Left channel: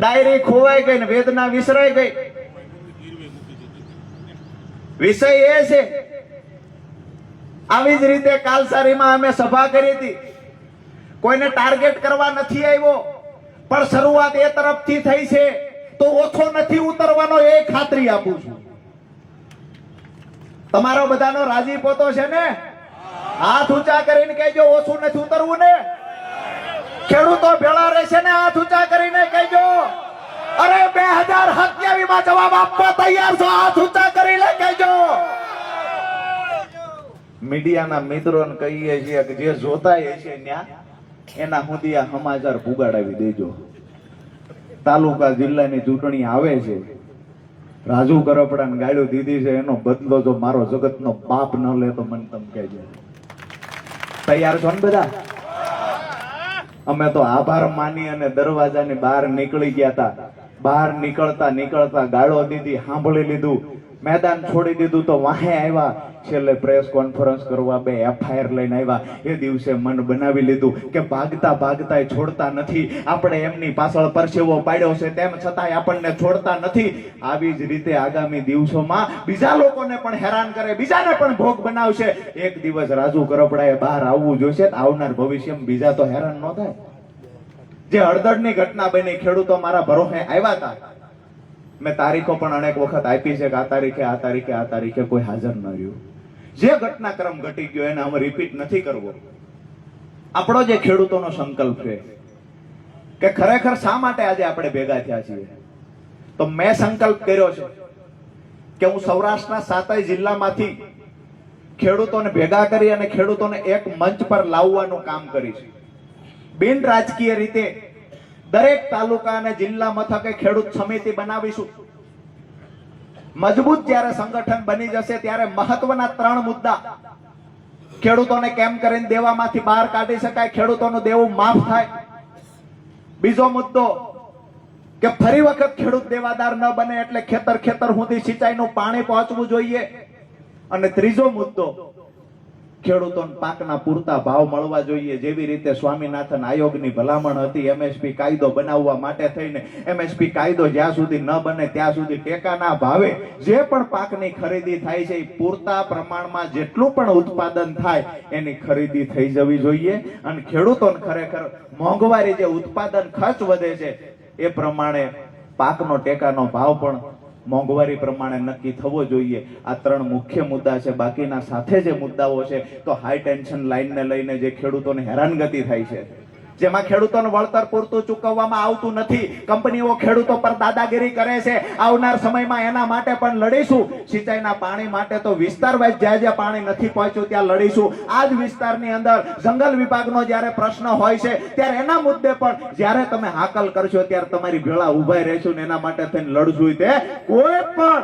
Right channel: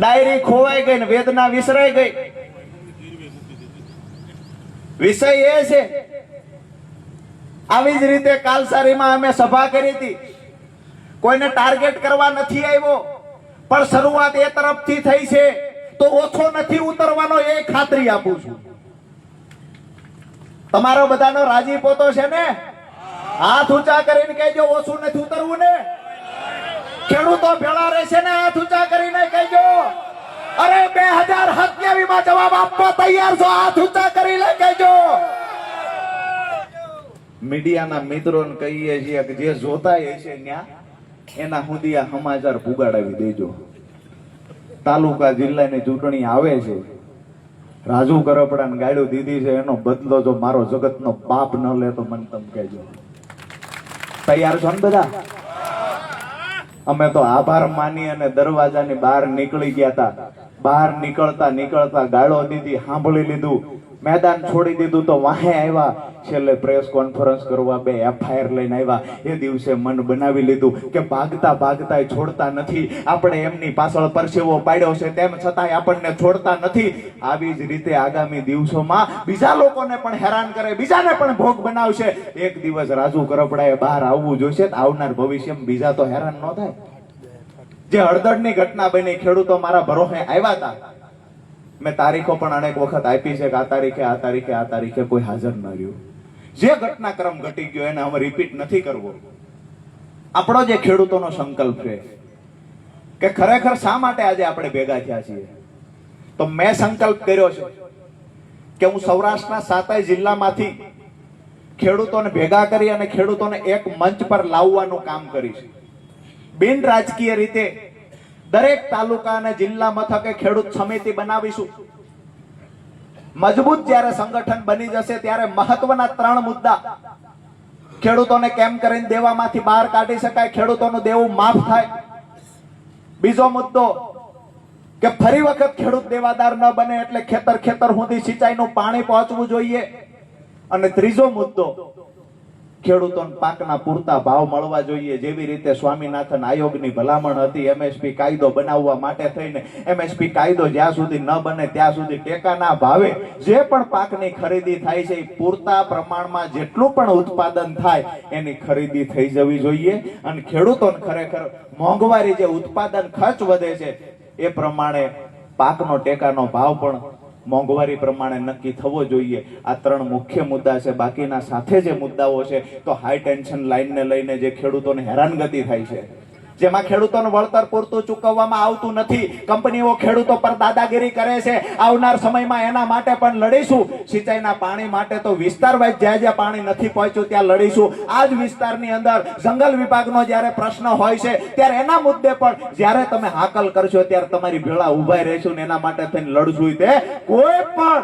Diary ખોવાઈ ગઈ ને વેદના વિસરાઈ ગઈ. વિષય એ છે, આવી જ રીતે કાલસારીમાં અમે સભા કરી હતી. કોઈને ટાર્ગેટ કરવા નથી આવ્યો, પણ શરૂઆત એ તરફથી થઈ છે તો ઓછો નથી ઉતરવાનો એ ખાતરી આપું છું. તમારો બધાનો રાજીપો તો છે ને? હાથ ઊંચા કરીને કહેજો ઓછું નથી ઉતરવું ને. ખેડૂતો ભેળા રહેશે ને? હાથ ઊંચા કરીને કહેજો. અરે 2027 માં જવાબ આપવા તૈયાર છો? હાથ ઊંચા કરીને કહેજો. મીડિયાના મિત્રોને કહીએ છીએ કે જે જોતા હશે ન્યા એના સુધી આ સમાચાર પુગાડાવી દેજો. તાલુકા જિલ્લાની ચૂંટણી આવે છે, રાજુ કરપડાને ગાળ્યો દીધી છે, એનો બદલો જો મારો જગતનો બાપ ન લે તો મને તમે કહેજો. તૈયાર છો ને બધા? અમે તો આભાર માની અને દરવાજાની બહાર નીકળી ગયા હતા. બહાર નીકળતા નીકળતા ગાળો દીધી, સાંભળી લીધું, મેદાન છોડી દીધું તો વાહે આવ્યા. છેલ્લે પ્રેસ કોન્ફરન્સ કરવા 2 FIR લઈને આવ્યા. એ દિવસે મન બનાવી લીધું કે ભાગતા ભાગતા છોડતા નથી. આપણે એમની પાછળ પરસેવો પાડ્યો છે, તેમ છતાંય આપણને છોડતા નથી. આવી જ રીતે આગામી દિવસોમાં બીજા લોકોને પણ હેરાન કરે, બીજાને પણ ભોગ બનાવશે. એક દિવસ રાજુ કરપડાએ બહાર આવવું જોઈશે. આવનાર ભવિષ્યમાં બીજા તો હેરાન ન થાય. જે હળદરની ઘટના બની, ખેડૂતો મારા ભરોસે આવ્યા હતા. મેં તારીખો પણ અનેક વખત આપી છે કે આ તારીખે કોઈ હાજર ન રહ્યું. જે ઘટનાક્રમ ઘટી ગયો એને હવે રિપીટ નથી કરવો. આપણો જે ખેડૂતોનો સંકલ્પ છે કે ખરેખર શા માટે આજે આપણે ભેગા થયા છીએ, તો મેં સંકલ્પ કર્યો છે કે હું સૌરાષ્ટ્રના 7 જિલ્લામાંથી ખેડૂતોને ભેગા કરી અને ખેડૂતોને એક મંચ પર લાવવાનું કામ કરીશ. બિન રાજકીય રીતે દરેક તાલુકા અને જિલ્લા મથકે ખેડૂત સમિતિ બનાવીશું. મજબૂત જ્યારે સંગઠન બની જશે ત્યારે મહત્વના 3 મુદ્દા ખેડૂતોને કેમ કરીને દેવામાંથી બહાર કાઢી શકાય, ખેડૂતોનું દેવું માફ થાય. બીજો મુદ્દો કે ફરી વખત ખેડૂત દેવાદાર ન બને એટલે ખેતર સુધી સિંચાઈનું પાણી પહોંચવું જોઈએ. અને ત્રીજો મુદ્દો, ખેડૂતોને પાકના પૂરતા ભાવ મળવા જોઈએ. જેવી રીતે સ્વામિનાથન આયોગની ભલામણ હતી MSP કાયદો બનાવવા માટે થઈને, MSP કાયદો જ્યાં સુધી ન બને ત્યાં સુધી ટેકાના ભાવે જે પણ પાકની ખરીદી થાય છે એ પૂરતા પ્રમાણમાં જેટલું પણ ઉત્પાદન થાય એની ખરીદી થઈ જવી જોઈએ. અને ખેડૂતોને ખરેખર મોંઘવારી, જે ઉત્પાદન ખર્ચ વધે છે એ પ્રમાણે પાકનો ટેકાનો ભાવ પણ મોંઘવારી પ્રમાણે નક્કી થવો જોઈએ. આ 3 મુખ્ય મુદ્દા છે. બાકીના સાથે જે મુદ્દાઓ છે તો હાઈ ટેન્શન લાઈનને લઈને જે ખેડૂતોને હેરાનગતિ થાય છે, જેમાં ખેડૂતોનું વળતર પૂરતું ચૂકવવામાં આવતું નથી, કંપનીઓ ખેડૂતો પર દાદાગીરી કરે છે. આવનાર સમયમાં એના માટે પણ લડીશું. સિંચાઈના પાણી માટે તો વિસ્તાર વાઇઝ જ્યાં પાણી નથી પહોંચ્યું ત્યાં લડીશું. આ જ વિસ્તારની અંદર જંગલ વિભાગનો જ્યારે પ્રશ્ન હોય છે ત્યારે એના મુદ્દે પણ જ્યારે તમે હાકલ કરશો ત્યારે તમારી ભેળા ઉભા રહેશું ને એના માટે થઈને લડશું. તે કોઈ પણ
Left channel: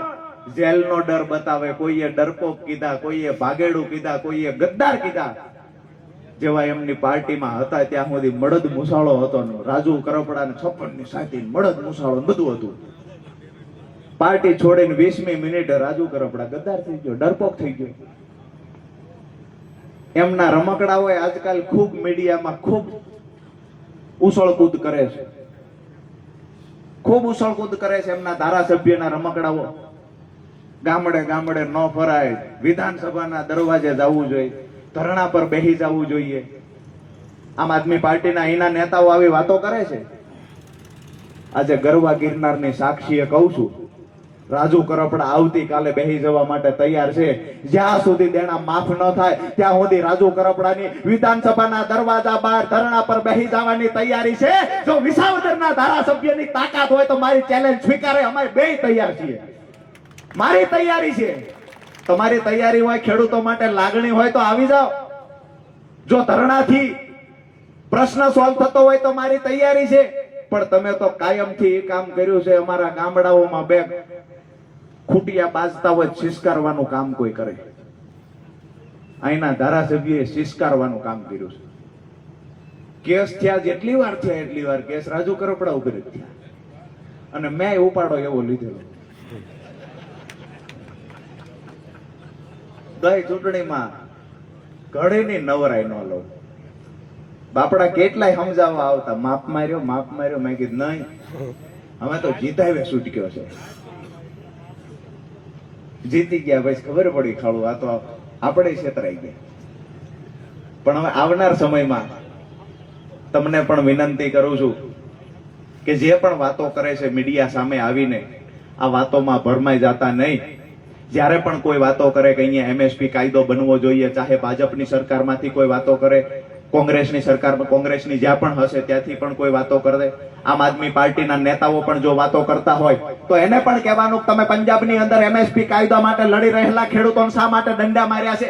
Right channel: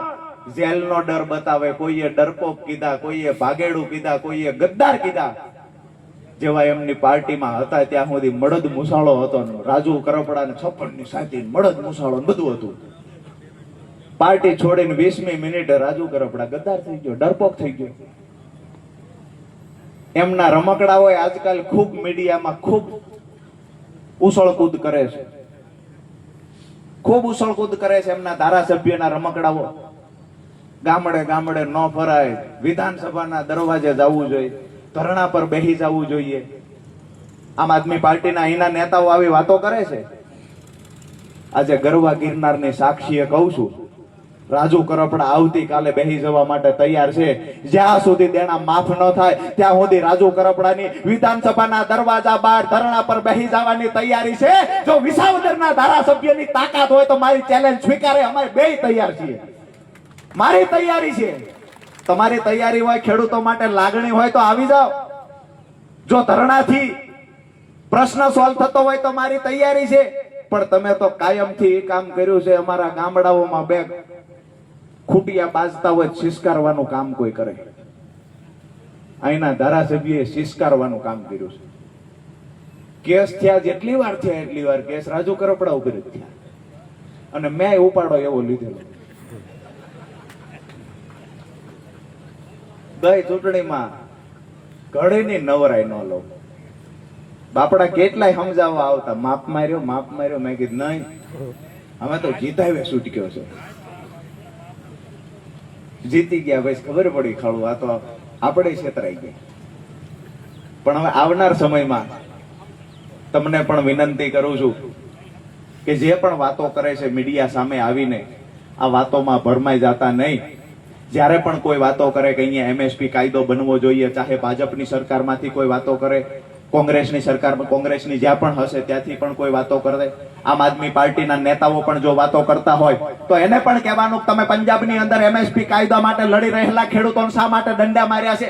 જેલનો ડર બતાવે, કોઈએ ડરપોક કીધા, કોઈએ ભાગેડું કીધા, કોઈએ ગદ્દાર કીધા, જેવા એમની પાર્ટીમાં હતા ત્યાં સુધી મળદ મુસાળો હતો. રાજુ કરપડા ને 56 ની સાથી મળદ મુસાળો બધું હતું. પાર્ટી છોડીને 20મી મિનિટે રાજુ કરપડા ગદ્દાર થઈ ગયો, ડરપોક થઈ ગયો. એમના રમકડાઓ આજકાલ ખૂબ મીડિયામાં ખૂબ ઉછળકૂદ કરે છે, ખૂબ ઉછળકૂદ કરે છે. એમના ધારાસભ્યના રમકડાઓ ગામડે ગામડે ન ફરાય, વિધાનસભાના દરવાજે જવું જોઈએ, ધરણા પર બેસી જવું જોઈએ. આમ આદમી પાર્ટીના અહીંના નેતાઓ આવી વાતો કરે છે. આજે ગરવા ગિરનારની સાક્ષીએ કહું છું, રાજુ કરપડા આવતીકાલે બેસી જવા માટે તૈયાર છે. જ્યાં સુધી દેણા માફ ન થાય ત્યાં સુધી રાજુ કરપડાની વિધાનસભાના દરવાજા બહાર ધરણા પર બેસી જવાની તૈયારી છે. જો વિસાવદરના ધારાસભ્યની તાકાત હોય તો મારી ચેલેન્જ સ્વીકારે. અમે બેય તૈયાર છીએ, મારી તૈયારી છે. તમારી તૈયારી હોય, ખેડૂતો માટે લાગણી હોય તો આવી જાઓ. જો ધરણાથી પ્રશ્ન સોલ્વ થતો હોય તો મારી તૈયારી છે. પણ તમે તો કાયમથી એ કામ કર્યું છે. અમારા ગામડાઓમાં 2 ખૂટિયા બાજતા હોય શિષ્કારવાનું કામ કોઈ કરે. અહીંના ધારાસભ્યએ શિષ્કારવાનું કામ કર્યું છે. કેસ થયા જેટલી વાર થયા એટલી વાર કેસ રાજુ કરપડા ઉપર થયા અને મેં ઉપાડો એવો લીધેલો. ગઈ ચૂંટણીમાં ઘડીની નવરાઈ ન લો. બાપડા કેટલાય સમજાવવા આવતા, માપ માર્યો. મેં કીધું નહીં, અમે તો જીતાવે છૂટક્યો છે. જીતી ગયા ભાઈ ખબર પડી ખાડું આ તો આપણે છેતરાઈ ગયા. પણ હવે આવનાર સમયમાં તમને પણ વિનંતી કરું છું કે જે પણ વાતો કરે છે મીડિયા સામે આવીને આ વાતોમાં ભરમાઈ જતા નહીં. જ્યારે પણ કોઈ વાતો કરે કે અહીંયા એમએસપી કાયદો બનવો જોઈએ, ચાહે ભાજપની સરકારમાંથી કોઈ વાતો કરે, કોંગ્રેસની સરકારમાં કોંગ્રેસની જ્યાં પણ હશે ત્યાંથી પણ કોઈ વાતો કરે, આમ આદમી પાર્ટીના નેતાઓ પણ જો વાતો કરતા હોય તો એને પણ કહેવાનું તમે પંજાબની અંદર એમએસપી કાયદા માટે લડી રહેલા ખેડૂતોને શા માટે દંડા માર્યા છે?